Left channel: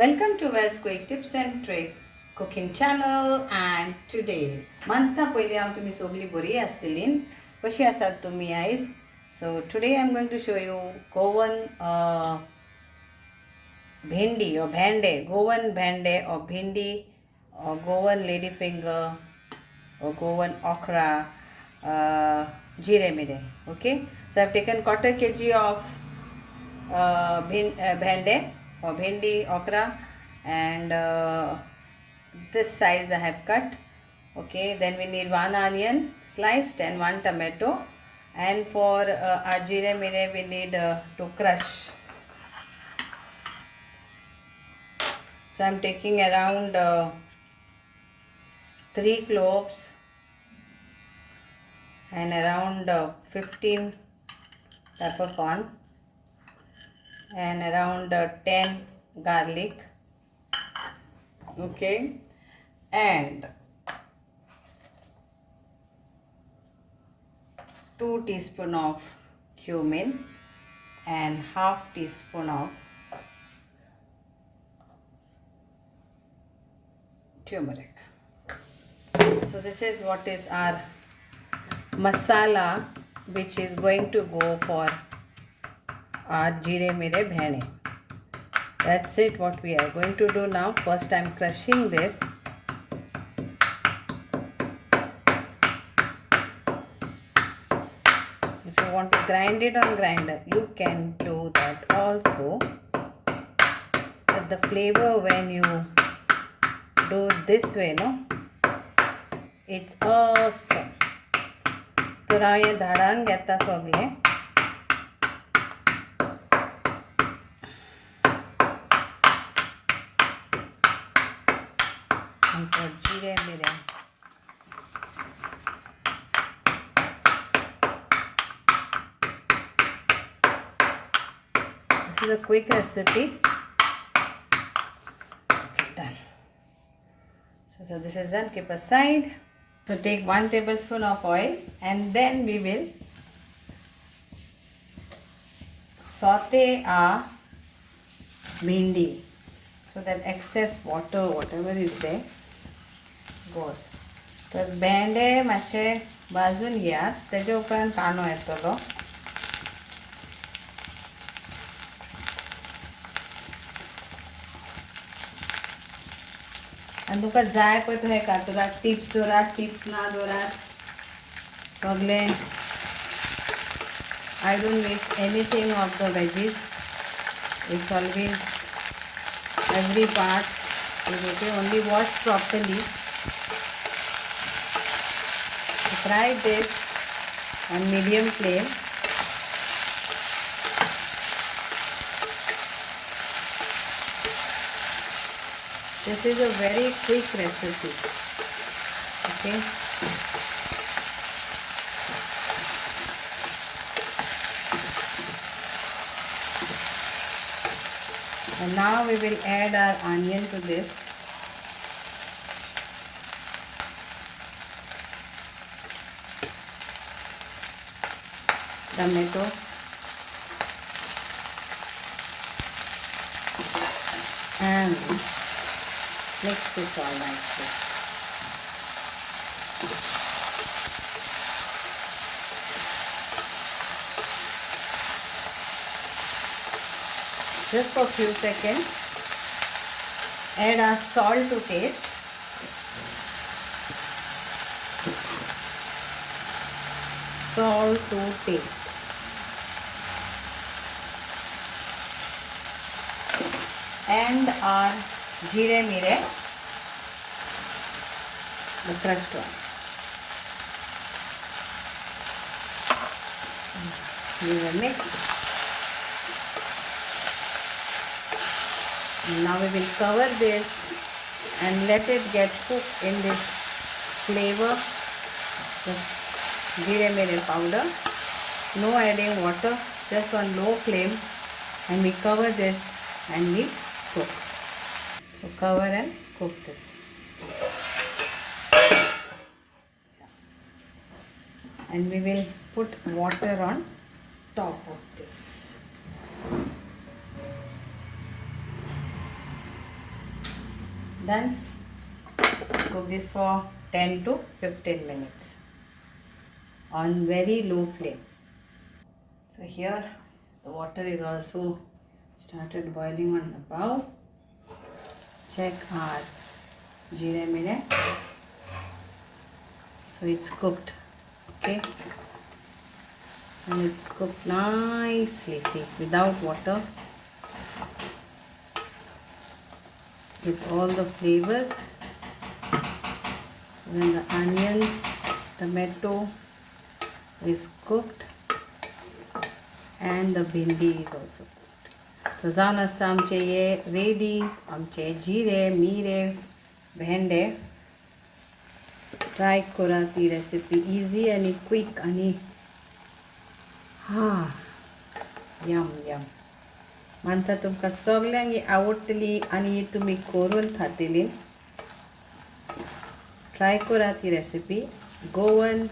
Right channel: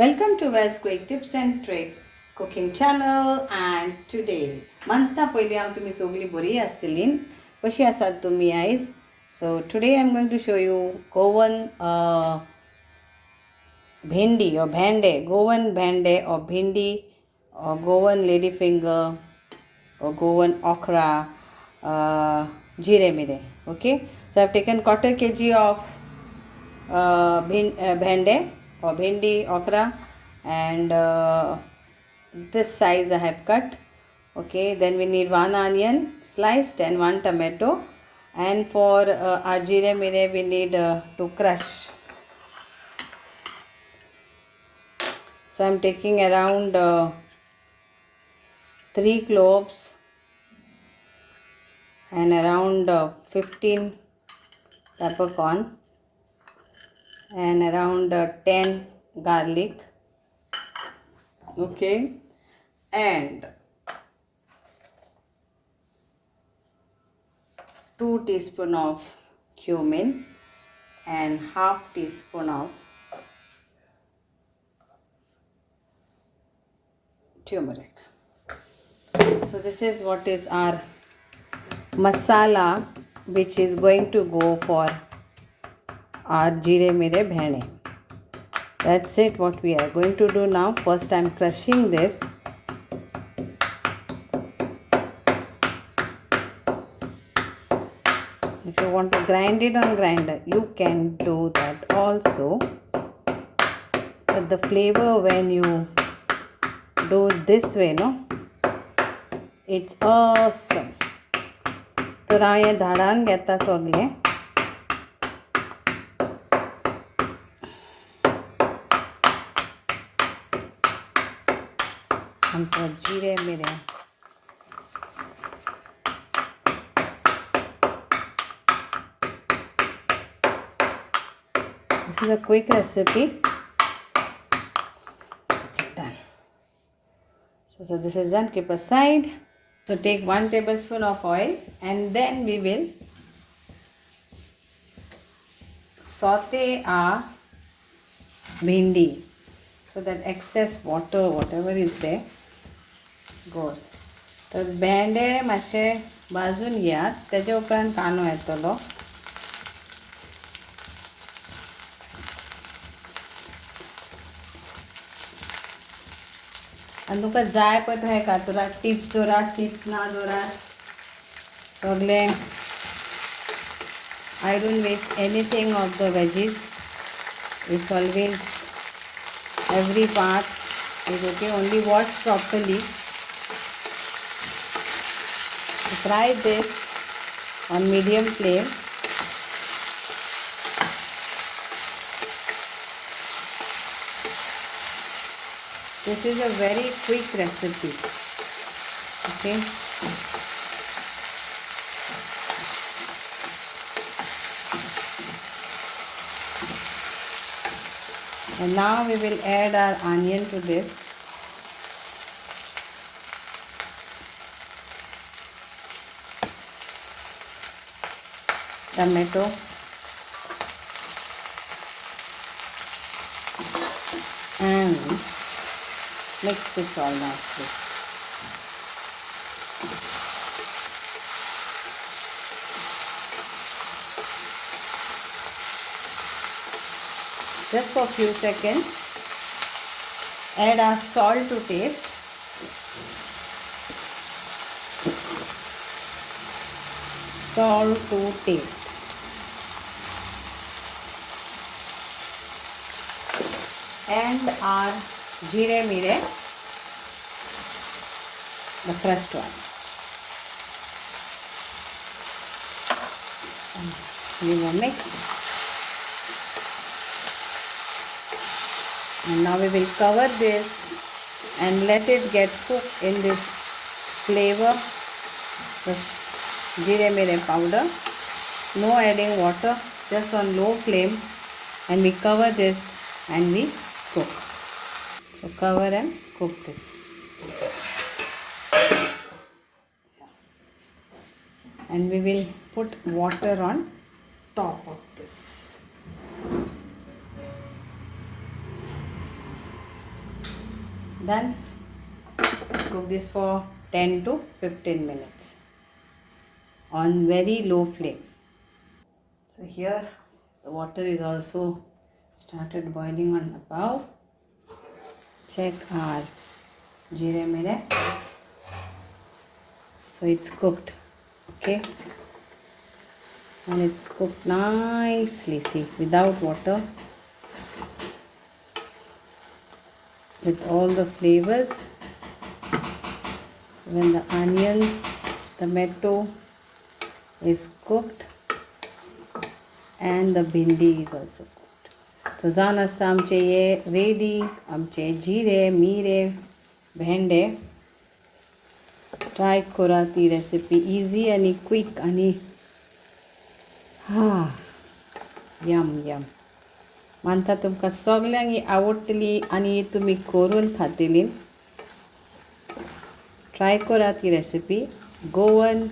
Welcome to Wes Quick Tips and Trick Cooking Channel. And today, manta पयली हांव तुमी सगळीं बरी आसतलीं. कशी आसात तुमी आयज? So today I'm going to show you Goan Bhindi or bhende, Goan bhende or Bhindi or Goan lady finger or Goan okra, Jeerem Meerem. Okay, so I've taken quarter kg of bhende or bhindi okra, and this size I have cut. Okay, then we need one onion sliced and one tomato, and for our Jeerem Meerem we need to crush. So I'm taking around 3 cloves and around 15 peppercorn and around 10 garlic. Okay, and 2 teaspoon of cumin and half teaspoon of turmeric. So this is what is our masala which is going to go for our Jeerem Meerem bhende. That's it what we are going to do now. First I'm crushing this. If you want to grind it on grinder, you can do that also. But the flavor when you do this way, no, it's awesome. So now I धाडान घेता सगळे. And for Jeerem Meerem, this is a quick recipe. Okay, done. So this is done. Keep aside. So take 1 tablespoon of oil, and then we will saute our bhindi so that excess water, whatever is there, goes. तर भेंडे मातशे भाजून घेयात, तेजे उपरांत कांदो येतलो. आनी तुका जाय पळय तशें कातराक टिप्स दवरात, टिप्स ना दवरात, सगळे. I don't waste anything of the veggies. It's always every part is okay, only wash properly. Fry this on medium flame. This is a very quick recipe. Okay. And now we will add our onion to this. Tomato. And mix this all nicely. Just for a few seconds. Add our salt to taste. Salt to taste. And our Jeerem Meerem, the crushed one. Give a mix. And now we will cover this and let it get cooked in this flavor, this Jeerem Meerem powder. No adding water, just on low flame, and we cover this and we cook. So cover and cook this. And we will put water on top of this. Then cook this for 10 to 15 minutes on very low flame. So here the water is also started boiling on the bowl. Check our Jeerem Meerem. So it's cooked, okay, and it's cooked nicely, see, without water, with all the flavors. When the onions, tomato is cooked, and the bhindi is also cooked. So जावन आसा आमचे हे ready, आमचे जिरे मिरे भेंडे. Try करा ती recipe, easy आणि quick आणि यम यम. मानता तुमकां सगल्यांक ही आवडटली आणि तुमी करून खातली. ट्राय करा ती रेसिपी. गोवन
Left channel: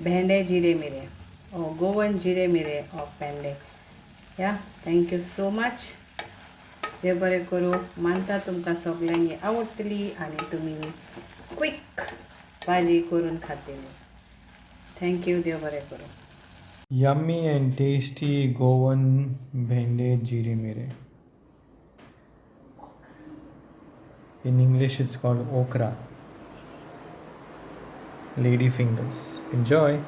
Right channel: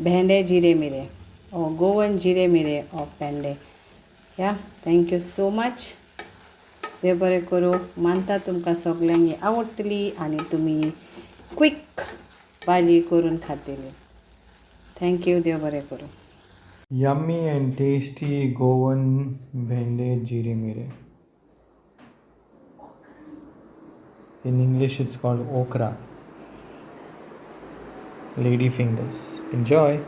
भेंडे जिरे मिरे or Goan जिरे मिरे of भेंडे. या थँक यू सो मच. देव बरें करूं. मानता तुमकां सगल्यांक ही आवडटली आणि तुमी क्विक भाजी करून खातली. Thank you. देव बरें करूं. Yummy and tasty Goan bhende Jeerem Meerem. In English it's called okra. Lady fingers. Enjoy.